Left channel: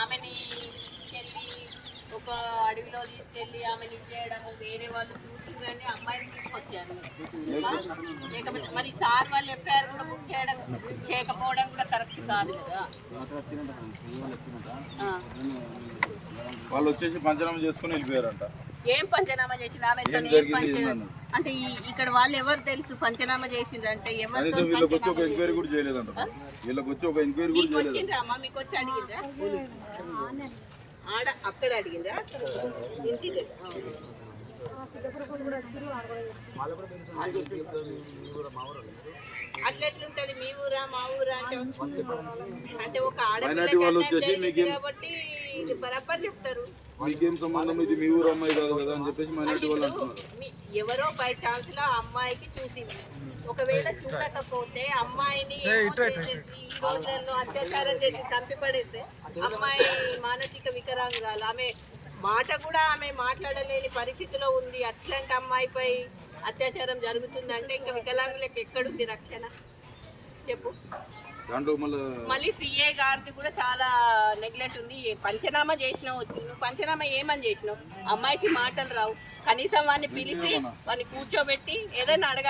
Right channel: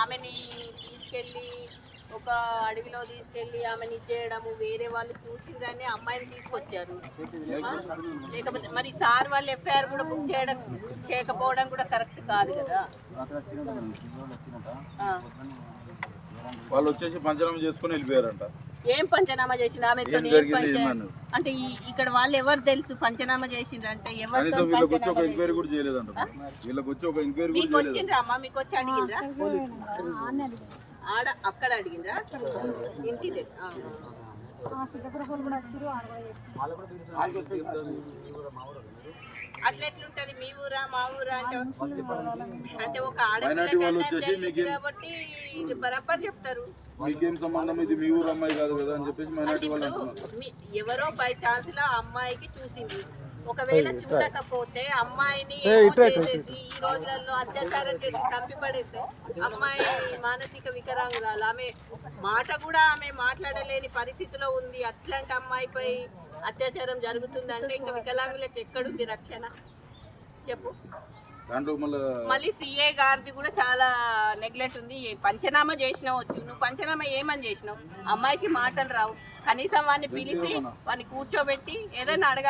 ఆమెని తీసుకెళ్ళి ఒక అడవిలో తీసుకెళ్ళి ఆమెని చేయడము వేరే వాళ్ళు చూసిందని అమ్మాయిని తీసుకొచ్చారు. లేకపోతే మరి సార్ వాళ్ళు ఎఫ్ఐఆర్ కూడా బుక్ చేయకపోవడం కూడా కరెక్ట్ కాదు కదా. వాళ్ళు వచ్చేసి పంచనామా చేసుకుని వెళ్ళిపోయారంట. ఏం పంచనామా చేసింది ఆమె అంటే ఇక్కడ వాళ్ళు ఎవరు తెలుసు పంచనామా చేసిండ్రంటే కనీసం వీళ్ళకి వచ్చి ఒక ఎంక్వైరీ కూడా చేయలేదంట. వీళ్ళకి వచ్చి ఒక ఎంక్వైరీ కూడా చేయలేదు. వచ్చిండ్రా అమ్మ మీకు వచ్చి అడిగిండ్రా ఆడ అక్కడ అడిగిండ్రా ఇంటి అట్లా ఎట్లుంటది మీ ఊరా మా ఊరా అంటే ఒక ఆడపిల్ల కాబట్టి ఇది బరాబర్ చెప్తారు. మీకేం సంబంధం, ఇది మీ ఊరు అమ్మాయి కాదు కదా అని చెప్పేసి మైనారిటీ వాళ్ళు అంటున్నారు. ఎవరో బై ఛాన్స్ లో అమ్మాయికి చూసింది, ఒకవేళ చూడకపోతే అమ్మాయిని ఏమో చేసేసి ఈ రోజుల్లో అత్యాచారం చేసి చంపిపడేస్తే అమ్మాయి మానసిక వికలాంగురాలు, ఆమె మాట కూడా ఆమె మాట్లాడలేని పరిస్థితిలో ఉంది. అట్లాంటి అమ్మాయిపై అత్యాచారం జరుగుతుందంటే ఇంకా వికలాంగులకు ఎక్కడుంది రక్షణ చెప్పు. మళ్ళీ సిఏ గారిది కూడా చాలా నెగ్లెక్ట్ ఉంది. పంచనామా చేసినావు వచ్చు, నువ్వు పంచనామా ఏమని చేసినావు? అమ్మాయికి మాటలు రావు, కనీసం వాడిని పిలిచి వాడిని కూర్చోబెట్టి ఏదైనా అడగాలి.